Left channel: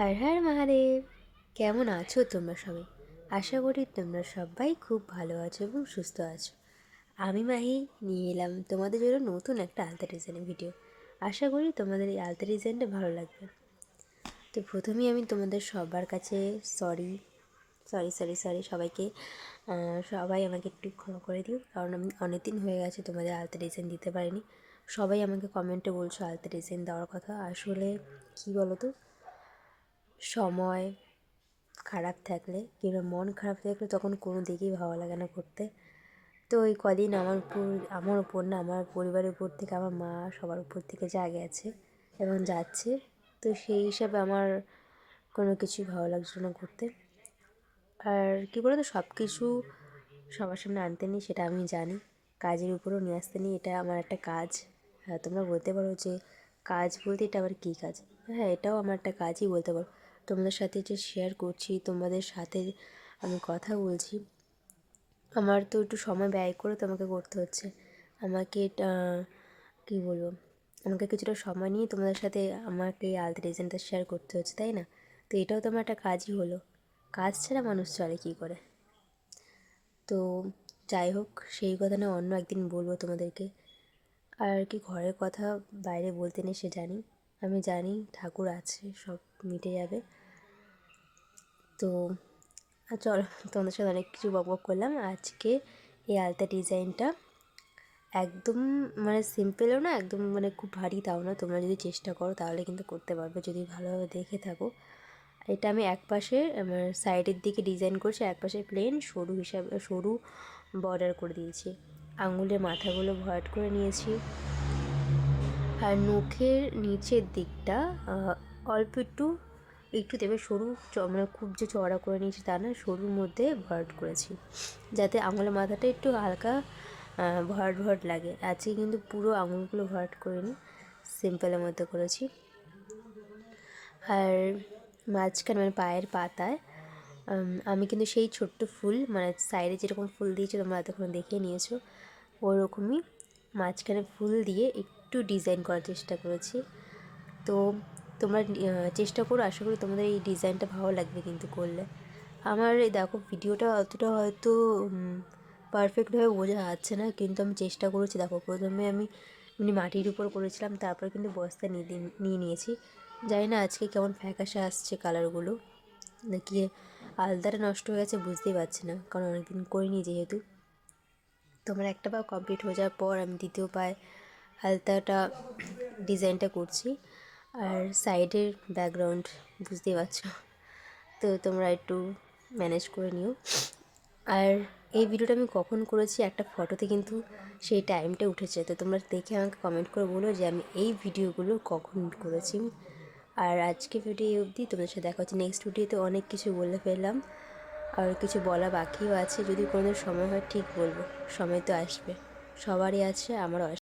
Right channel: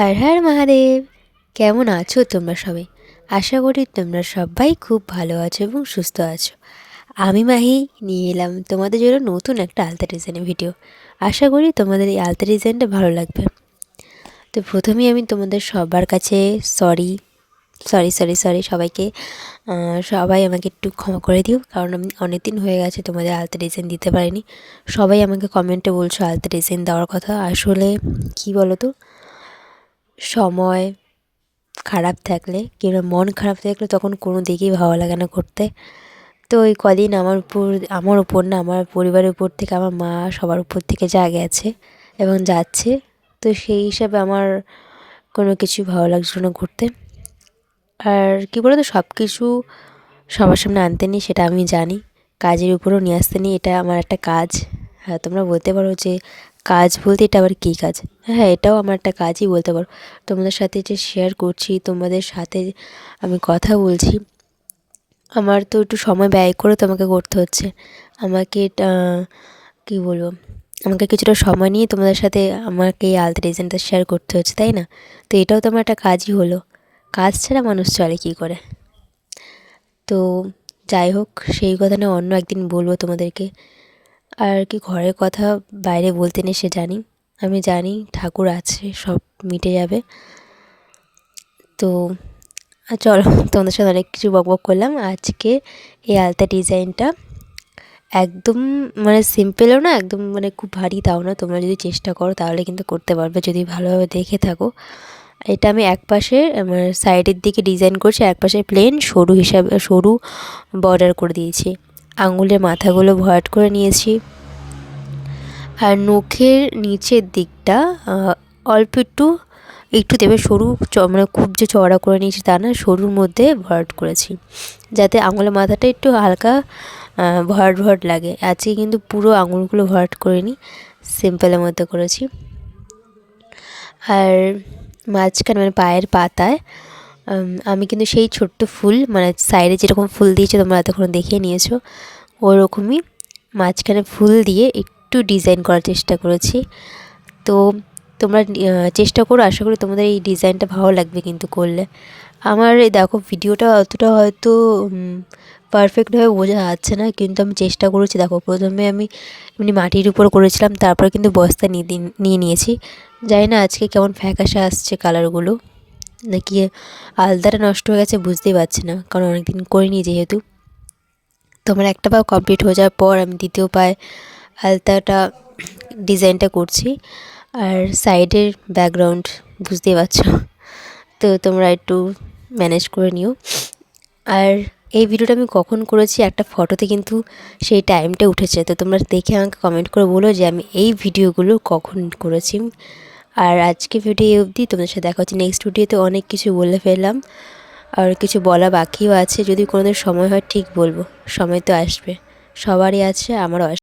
হর হর মহাদেব। কেমন আছো তোমরা সবাই? আশা করি তোমরা সবাই খুব ভালো আছো এবং সুস্থ আছো। আমি মাহি নিয়ে এলাম তোমাদের জন্য নতুন একটা আলতা ডিজাইনের ভিডিও। আশা করি তোমাদের এই আলতা ডিজাইনটা ভালো লাগবে। তো প্রথমেই আমি তোমাদের সবার কাছে সরি সরি সরি সরি সবাইকে সবাই আমাকে একটু ক্ষমা করে দিও, কারণ আমি অনেক দিন হয়ে গেছে তোমাদের আলতা ডিজাইন দিতে পারিনি। সবাই আমাকে কমেন্টে বলছো আলতা ডিজাইন দেওয়ার কথা। আসলে কি বলো তো, সময় খারাপ থাকলে কিংবা মন খারাপ থাকলে তখন কোনো দিকেই ভালো লাগে না করতে। তো ওই কদিন আমার উপর না, আমার পরিবারের উপর থেকে, আমার মা সবার উপর থেকে যা গেছে এবং যাচ্ছে, তো সেই হিসাবে আমার কোনো কিছুই ভালো লাগছিল না করতে। আর কী বলো তো, সব কিছু সবার সামনে আনতে নিই সেটা আমি জানি, কাজের উপরও নিয়ে আসতে নিই, এটা আমার একটা কাজ। হ্যাঁ, তোমরা বলতে পারো যে কাজ বলতে এটা আবার কী কাজ? হ্যাঁ, এটাও আমার একটা কাজই বলতে পারো। তোমাদের সাথে যে শেয়ার করছি, তোমাদের সাথে আমি কথা বলছি, আমার তো একটু সময় ব্যয় করে তোমাকে করতে হচ্ছে। আমাকে কী বলবো, আমাকে কিছুটা সময় নিয়ে তোমাদের সাথে আমাকে এই আলতা ডিজাইনটা শেয়ার করতে হচ্ছে, তাই না? তো এটাও তো আমার একটা কাজই হলো। কাজ ছাড়া মানুষ চলে কী করে? তো যাই হোক, সেই কথা না অন্য একদিন বলবো তোমাদেরকে। আর কি, ঘরের কথা বাইরে বলতে নেই সে জানি, আমি জানি ঠাকুর আছে, সব মিটে যাবে। তো চলো, তোমাদের সাথে অনেক কিছু বকবক করলাম। আজকে এই আলতা ডিজাইনটা একদম মানে সিম্পলও না, একদম মানে খুব ভারী তাও না। তোমরা যদি চেষ্টা করো তাহলে কিন্তু করতে পারবে, যদি ভালোভাবে দেখে থাকো। এটা আমি একপাশে আমার সাইডের দিকে ডিজাইন করছি, একপাশে প্লেন সরু হিসাবে সরু বর্ডার করে দিয়েছি। আঙুলের মাথাগুলো ভরাট করে নিয়েছি। আর নখের নিচের দিকটা অল্প একটু একটু দেবে সরু, মানে খুব যে চওড়া করে নিয়েছি তা না, সরুর মধ্যে ভরাট করেছি, যাতে আঙুলের মাথাটা একটু হালকা ভরাট ভরাট লাগে। আজকে কিন্তু পুরো আঙুলগুলো ভরাট করিনি, সিম্পলের মধ্যে করেছি। আর মাঝখানে মানে পায়ের পাতায় আমি কিন্তু সেই ছোট্ট ফুল, মানে সাইডে যেরকম ফুল দিয়েছে তোমরা এতক্ষণ দেখে নিয়েছো, ওরকমই মাঝখানে ফুল দিয়ে একটু ডিজাইন করার চেষ্টা করেছি। তো তোমরা চেষ্টা করো, আশা করি তোমাদের এই ডিজাইনটা ভালো লাগবে কিন্তু করলে। আমার এই দেখো ভিডিওটা অতটা হয়তো পারফেক্টভাবে বোঝা যাচ্ছে না, কিন্তু আমি চেষ্টা করেছি। দেখো, প্রথমে আমি এমনি মাটির উপর করেছিলাম, তারপরে কিন্তু বস্তা নিয়ে নিয়েছি। জানি না আজকে কেমন ফ্যাকাশে আসছে কালারগুলো, নাকি আলতাটা নষ্ট হয়ে গেছে বুঝতেই পারছি না, কারণ অনেকদিন করিনি যেহেতু। তো আমার একটা পা কমপ্লিট হয়ে যাওয়ার পর আমি দ্বিতীয় পায়ে আলতাটা ডিজাইনটা করছি। আর সাইডের ব্যাকগ্রাউন্ড বুঝতেই পারছো, তো তোমরা একটু ম্যানেজ করে নিও। আর এই ভিডিওটা আমি কখন করেছি, একটা ফটোতে কিন্তু সেই টাইমটা উঠেছে, তো তোমরা দেখে আমাকে কমেন্ট করে বলো যে আমি এই ভিডিওগুলো কখন করেছি। আর আজকে ভিডিও অবধি, তোমাদের সাথে দেখা হচ্ছে নেক্সট ভিডিওতে। অনেক কিছু বলে ফেললাম, আর কিছু বলা বাকিও আছে, যদি কোনোদিন সময় হয় ঠিক বলবো। সময় তো আসবে, সবারই আছে, আমারও আসবে।